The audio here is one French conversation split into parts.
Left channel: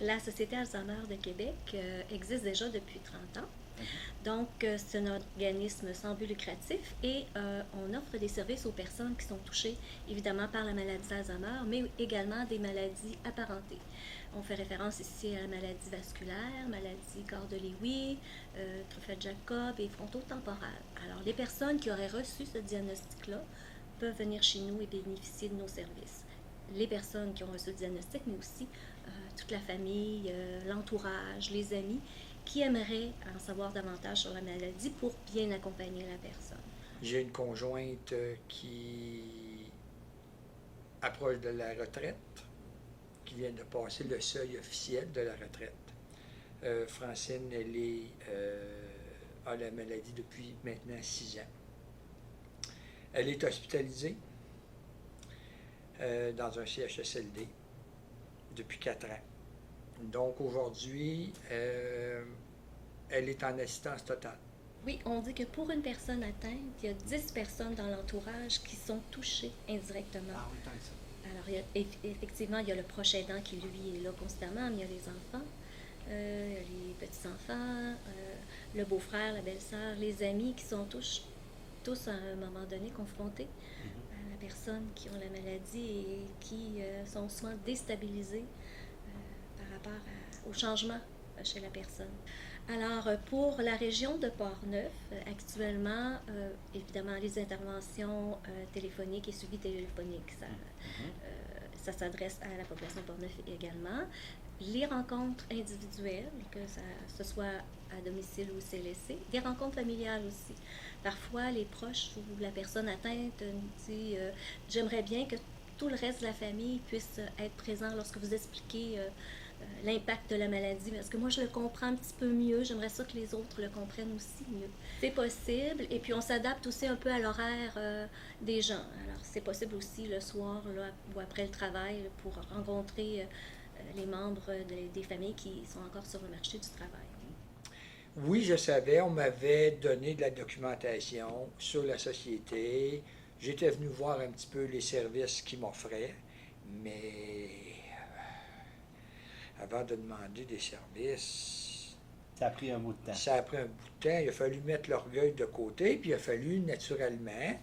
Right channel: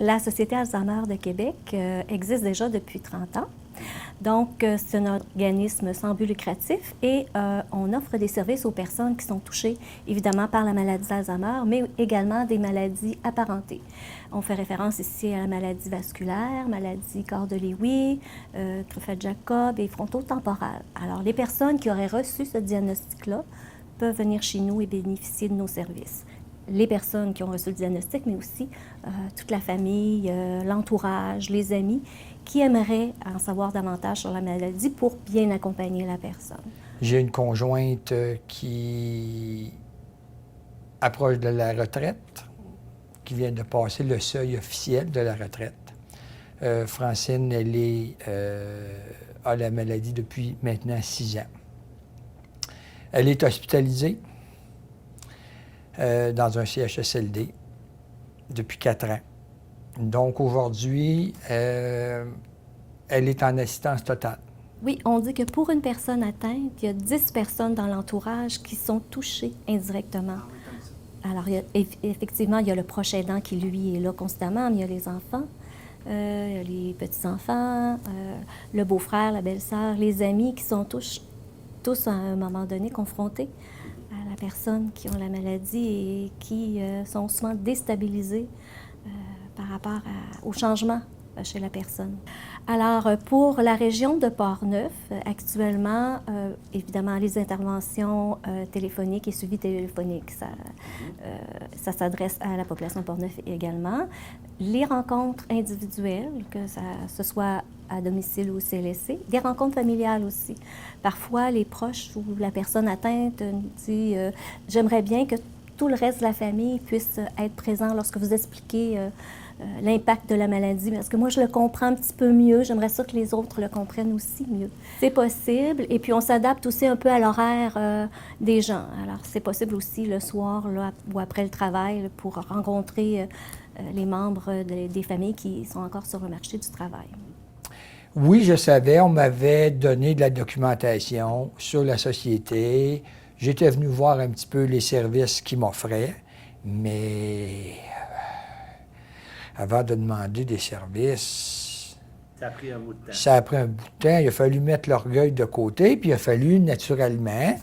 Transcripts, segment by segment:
La Société Alzheimer de Québec existe déjà depuis 30 ans. Donc, c'est un organisme sans but lucratif et on offre des services aux personnes qui sont touchées, évidemment, par la maladie d'Alzheimer, mais également des maladies apparentées. On fait référence ici à la maladie vasculaire, maladie corps de Lewy, Creutzfeldt-Jakob et frontotemporale. Alors, les personnes qui auraient reçu ce diagnostic-là peuvent venir chez nous et bénéficier de nos services. Les personnes qui ont reçu le diagnostic, mais aussi toute la famille, l'entourage, les amis, qui aimeraient en savoir davantage sur la maladie pour bien accompagner la personne. J'ai une conjointe qui approche de la retraite, qui vient de passer le seuil officiel de la retraite. Francine, elle a la maladie depuis maintenant 6 ans. Elle est hospitalisée dans un CHSLD depuis 4 ans. Donc aujourd'hui, elle est en assistance totale. Oui, on dit que pour une personne atteinte, il y a 10 personnes dans l'entourage qui sont touchées indirectement. Alors, effectivement, il y a le proche aidant qui, lui, est là constamment, mais il y a les enfants, il y a les petits-enfants, le beau-frère, la belle-sœur, les amis qui sont tous à un moment donné confrontés à la personne qui a la maladie et qui sont souvent déstabilisés par rapport au changement chez la personne. Alors, pour la région de Portneuf, actuellement, évidemment, les interventions téléphoniques et suivi téléphonique, ça s'adresse à la population de Portneuf également. Les rencontres individuelles, que ce soit à domicile ou au CLSC, des rencontres familiales aussi. Parfois, les proches ou la personne atteinte dit « J'aimerais bien que tout le reste de la famille puisse être présent lorsque vous expliquez l'impact de la maladie, parce que moi, je le comprends un petit peu mieux. J'aimerais ça que les autres le comprennent aussi mieux. » C'est possible, et puis on s'adapte aussi un peu à l'horaire des gens. Alors, c'est possible aussi le soir là, ou après le travail là, pour rencontrer les membres des familles qui sont encore sur le marché du travail. Oui, je savais, on m'avait donné de la documentation sur la société. J'étais venu voir un petit peu les services qu'ils m'offraient, mais avant de demander des services, ça a pris un bout de temps. Ça a pris un bout de temps. Il a fallu mettre l'orgueil de côté, puis il a fallu, naturellement,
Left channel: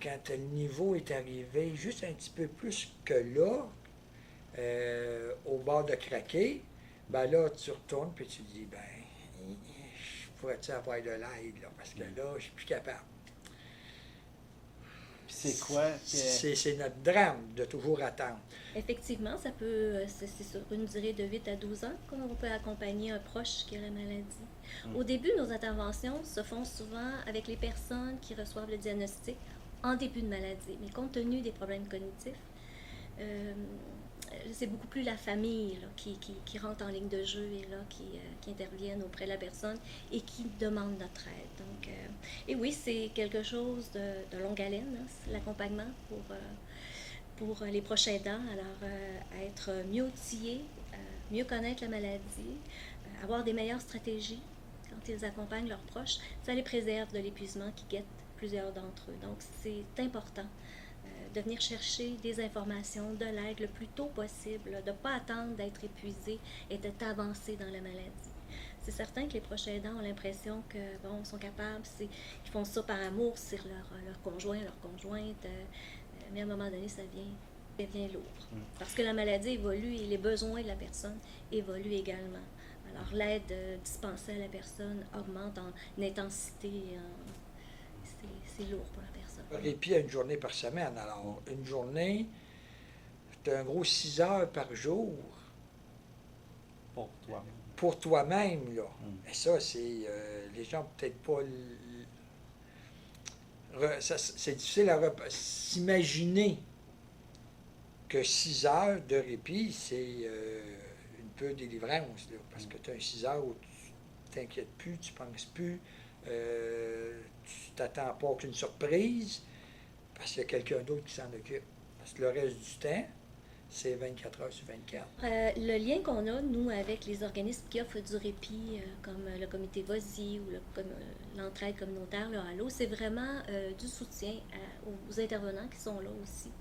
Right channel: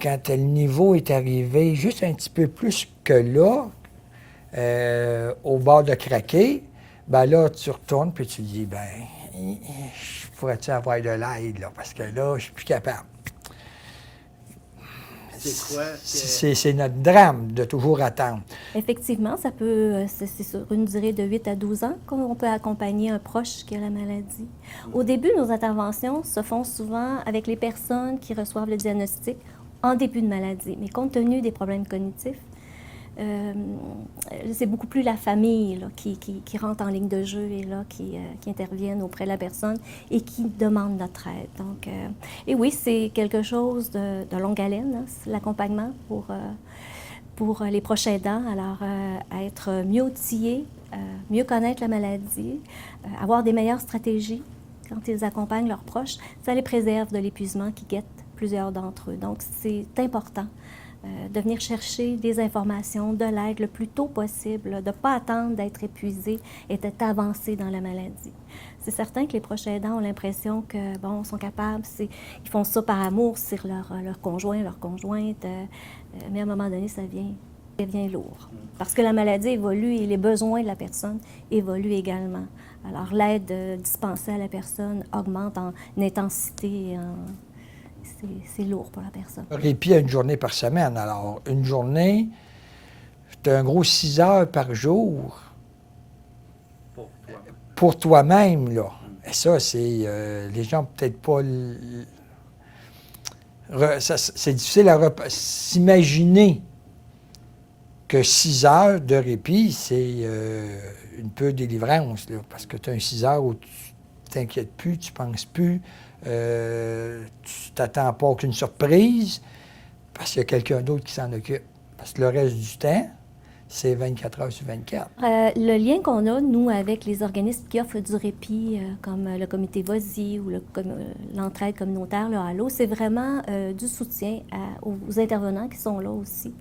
quand le niveau est arrivé juste un petit peu plus que là, au bord de craquer, ben là, tu retournes, puis tu dis, ben, je pourrais-tu avoir de l'aide, là, parce que là, je suis plus capable. C'est quoi? C'est notre drame de toujours attendre. Effectivement, ça peut, c'est sur une durée de 8 à 12 ans qu'on peut accompagner un proche qui a la maladie. Au début, nos interventions se font souvent avec les personnes qui reçoivent le diagnostic en début de maladie. Mais compte tenu des problèmes cognitifs, c'est beaucoup plus la famille là, qui rentre en ligne de jeu et là, qui interviennent auprès de la personne et qui demande notre aide. Donc, et oui, c'est quelque chose de longue haleine, hein, l'accompagnement pour les proches aidants. Alors, être mieux outillés, mieux connaître la maladie, avoir des meilleures stratégies quand ils accompagnent leurs proches, ça les préserve de l'épuisement qui guette plusieurs d'entre eux. Donc, c'est important de venir chercher des informations, de l'aide le plus tôt possible, de ne pas attendre d'être épuisé et d'être avancé dans la maladie. C'est certain que les proches aidants ont l'impression que, bon, sont capables, ils font ça par amour sur leur conjoint, leur conjointe, mais à un moment donné, ça devient lourd. Parce que la maladie évolue et les besoins de la personne évoluent également. Alors, l'aide dispensée à la personne augmente en intensité et c'est lourd pour la personne. Répit à une journée par semaine. Alors, une journée, c'est un gros 6 heures par jour. Pour toi-même, là. Et ça, c'est... les gens peut-être pas... c'est difficile à s'imaginer que 6 heures de répit, c'est une peu de délivrance, là, parce que tu as un 6 heures où tu t'inquiètes plus, tu penses plus, tu t'attends pas à aucune surprise, parce qu'il y a quelqu'un d'autre qui s'en occupe. Parce que le reste du temps, c'est 24 heures sur 24. Le lien qu'on a, nous, avec les organismes qui offrent du répit, comme le comité VOSI ou l'entraide communautaire, le Halo, c'est vraiment du soutien aux intervenants qui sont là aussi.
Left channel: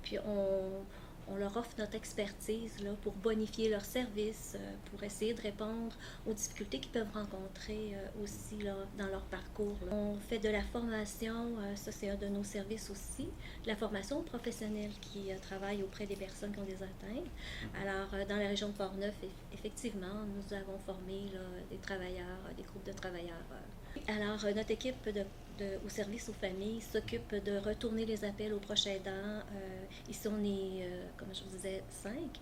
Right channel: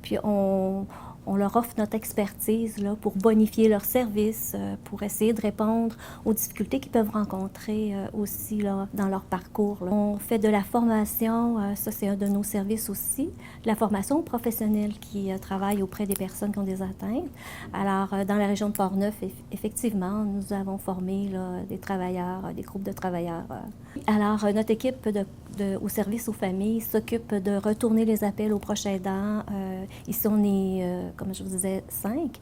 Puis on on leur offre notre expertise là, pour bonifier leurs services, pour essayer de répondre aux difficultés qu'ils peuvent rencontrer aussi là, dans leur parcours, là. On fait de la formation, ça c'est un de nos services aussi, de la formation professionnelle qui travaille auprès des personnes qui ont des atteintes. Alors, dans la région de Portneuf, effectivement, nous avons formé là, des travailleurs, des groupes de travailleurs. Alors, notre équipe au service aux familles s'occupe de retourner les appels aux proches aidants. Ici, on est, comme je vous disais, 5.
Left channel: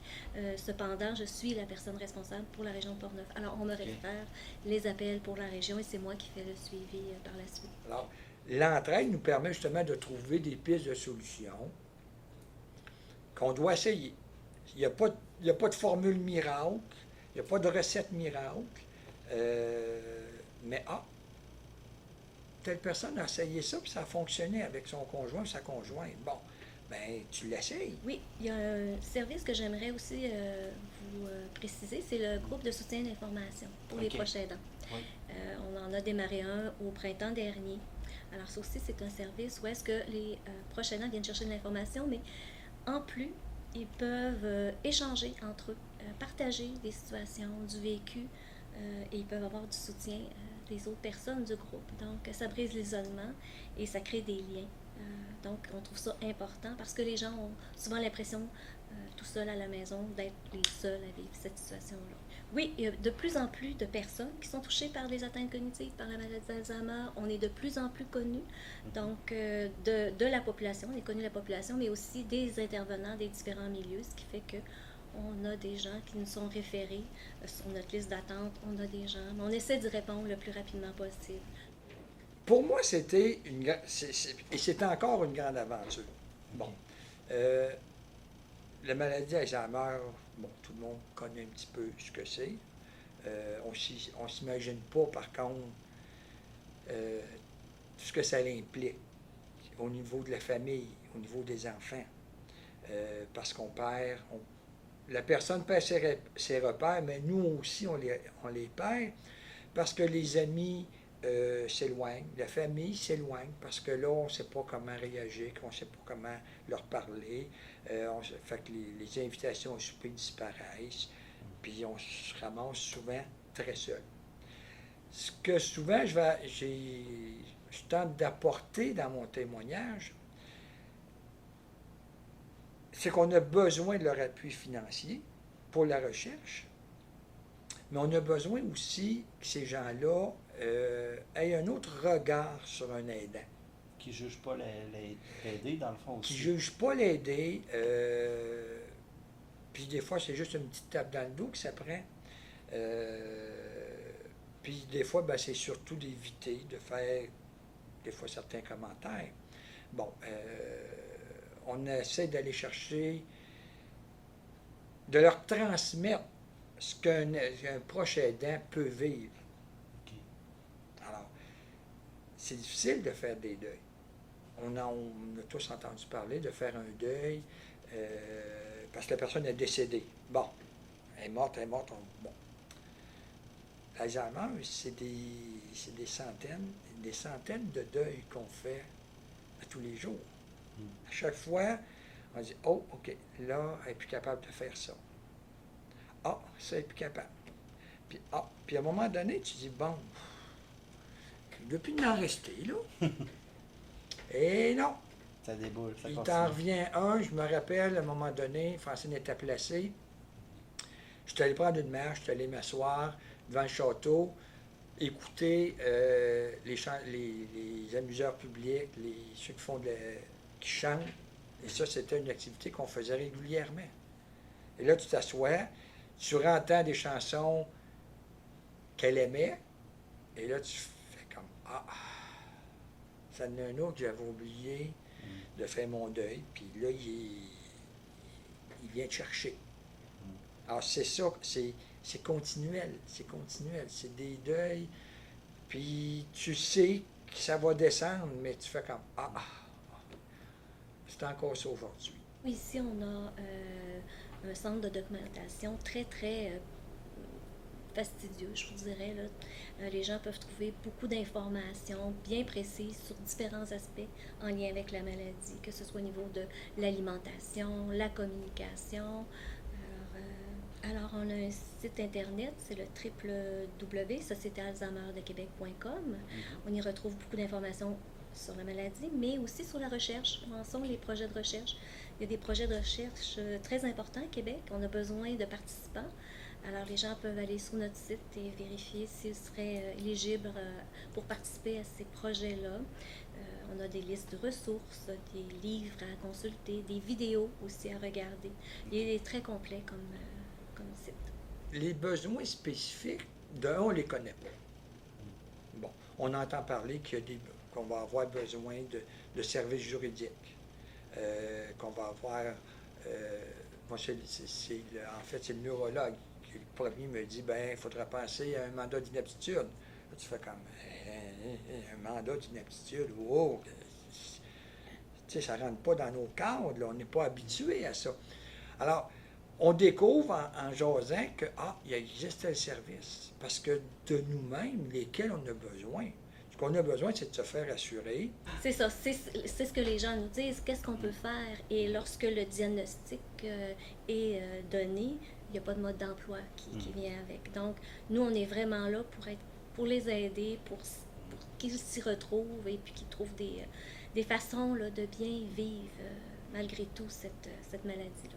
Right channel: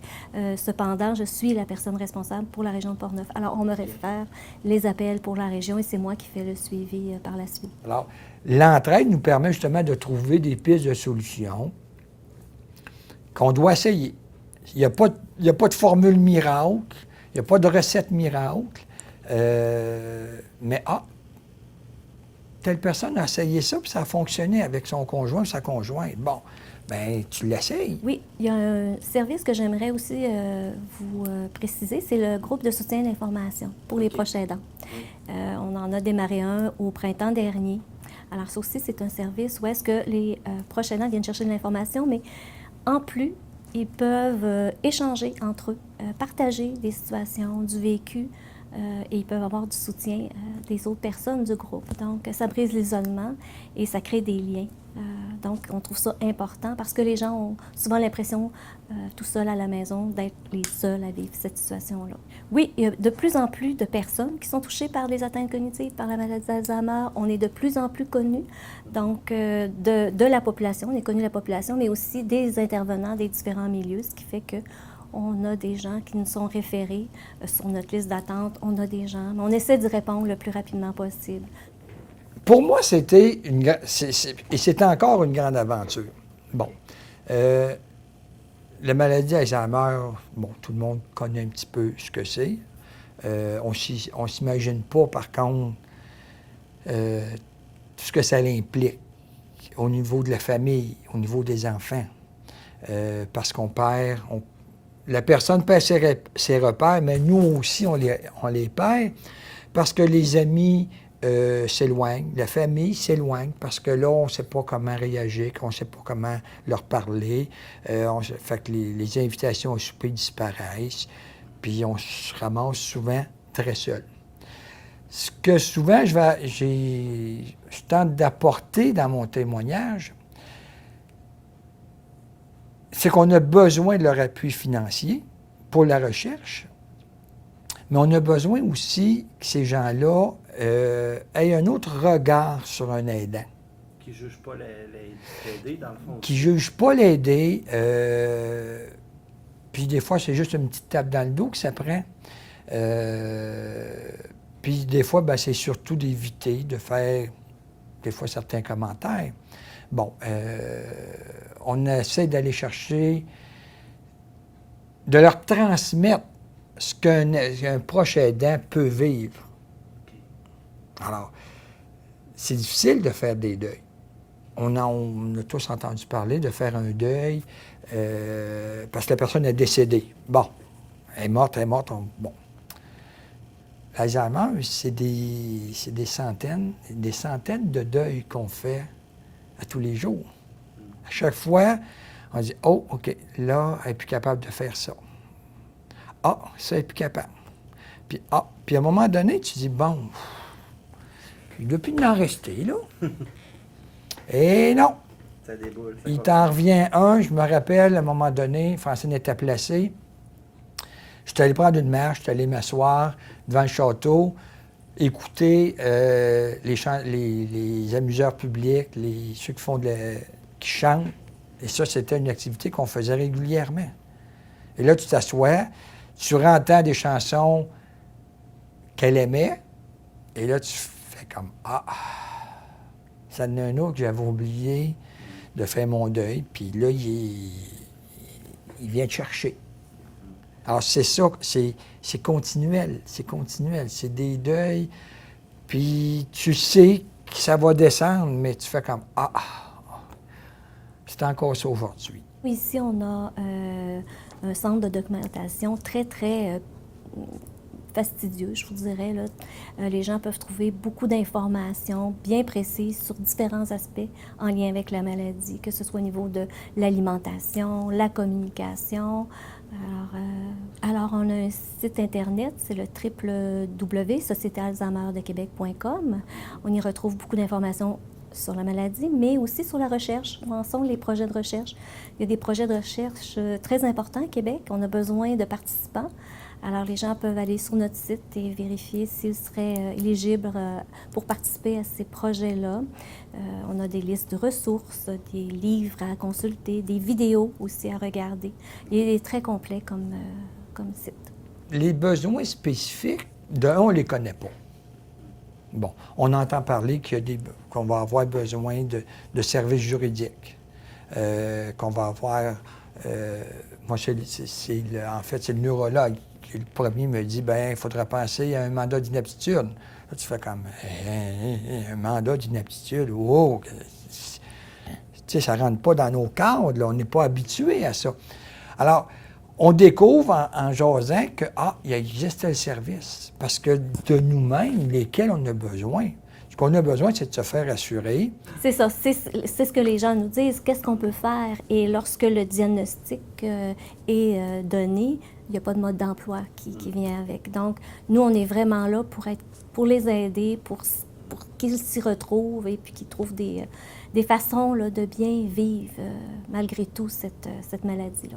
Cependant, je suis la personne responsable pour la région de Portneuf. Alors, on me réfère les appels pour la région et c'est moi qui fais le suivi par la suite. Alors, l'entraide nous permet justement de trouver des pistes de solutions qu'on doit essayer. Il n'y a pas de formule miracle, il n'y a pas de recette miracle, mais telle personne a essayé ça, puis ça a fonctionné avec son conjoint ou sa conjointe. Bon, bien, tu l'essayes. Oui, il y a un service que j'aimerais aussi vous préciser, c'est le groupe de soutien d'information pour les proches aidants. Oui. On en a démarré un au printemps dernier. Alors ça aussi, c'est un service où est-ce que les proches aidants viennent chercher de l'information, mais en plus, ils peuvent échanger entre eux, partager des situations, du vécu, et ils peuvent avoir du soutien des autres personnes du groupe. Donc, ça brise l'isolement et ça crée des liens. Donc, on trouve ça important parce que les gens ont souvent l'impression, tout seuls à la maison, d'être les seuls à vivre cette situation-là. Oui, il y a de plus en plus de personnes qui sont touchées par des atteintes cognitives, par la maladie d'Alzheimer. On est de plus en plus connus, donc, de la population. On est connu de la population, mais aussi des intervenants des différents milieux, ce qui fait que on a des gens qui nous sont référés sur notre liste d'attente. On a des gens, mais on essaie d'y répondre le plus rapidement possible. Pour moi, c'était c'est encore une grande aventure. Bon. La maladie Alzheimer, bon, tout le monde connaît un petit peu ce que c'est. On ne s'imagine pas, par contre, tout ce que ça implique au niveau de la famille, au niveau des enfants. Parce qu'on perd... La personne perd ses repères, mais nous aussi, on les perd parce que les amis s'éloignent, la famille s'éloigne parce que là, on ne sait pas comment réagir, on ne sait pas comment leur parler. Fait que les invitations au souper disparaissent, puis on se ramasse souvent très seul. Ce que souvent, je tente d'apporter dans mon témoignage, c'est qu'on a besoin de leur appui financier pour la recherche, mais on a besoin aussi que ces gens-là aient un autre regard sur un aidant. Qui ne juge pas l'aider, dans le fond. Qui ne juge pas l'aider. Puis des fois, c'est juste une petite tape dans le dos que ça prend. Puis des fois, ben, c'est surtout d'éviter de faire, des fois, certains commentaires. Bon, on essaie d'aller chercher, de leur transmettre ce qu'un proche aidant peut vivre. Alors, c'est difficile de faire des deuils. On a tous entendu parler de faire un deuil parce que la personne est décédée. Bon, elle est morte, bon. L'Alzheimer, c'est des centaines de deuils qu'on fait à tous les jours. À chaque fois, on dit « Oh, OK, là, elle n'est plus capable de faire ça. Ah, ça, elle n'est plus capable. » Puis à un moment donné, tu dis « Bon, il doit plus en rester, là. » Et non. Ça déboule. Il t'en revient un, je me rappelle, à un moment donné, Francine était placée. Je suis allé prendre une marche, je suis allé m'asseoir devant le château, écouter les amuseurs publics, ceux qui chantent. Et ça, c'était une activité qu'on faisait régulièrement. Et là, tu t'assois, tu entends des chansons qu'elle aimait, et là, tu fais comme « Ah, ça en a un autre que j'avais oublié de faire mon deuil. » Puis là, il vient te chercher. Alors, c'est ça, c'est continuel, c'est des deuils, puis tu sais que ça va descendre, mais tu fais comme « Ah, c'est encore ça aujourd'hui. » Ici, on a un centre de documentation très fastidieux, je vous dirais. Là. Les gens peuvent trouver beaucoup d'informations bien précises sur différents aspects en lien avec la maladie, que ce soit au niveau de l'alimentation, la communication. Alors, on a un site Internet, c'est le www.sociétéalzheimerdequebec.com. On y retrouve beaucoup d'informations sur la maladie, mais aussi sur la recherche. Où en sont les projets de recherche? Il y a des projets de recherche très importants à Québec. On a besoin de participants. Alors, les gens peuvent aller sur notre site et vérifier s'ils seraient éligibles pour participer à ces projets-là. On a des listes de ressources, des livres à consulter, des vidéos aussi à regarder. Il est très complet comme site. Les besoins spécifiques, on ne les connaît pas. Bon, on entend parler qu'on va avoir besoin de services juridiques, qu'on va avoir... moi, en fait, c'est le neurologue qui, le premier, me dit, bien, il faudrait penser à un mandat d'inaptitude. Là, tu fais comme, un mandat d'inaptitude, wow! Tu sais, ça ne rentre pas dans nos cadres, là, on n'est pas habitué à ça. Alors, on découvre en jasant que, il existe tel service. Parce que de nous-mêmes, lesquels on a besoin. Ce qu'on a besoin, c'est de se faire assurer. C'est ça, c'est ce que les gens nous disent. Qu'est-ce qu'on peut faire? Et lorsque le diagnostic est donné, il n'y a pas de mode d'emploi qui vient avec. Donc, nous, on est vraiment là pour les aider, pour qu'ils s'y retrouvent et puis qu'ils trouvent des façons là, de bien vivre malgré tout cette maladie-là.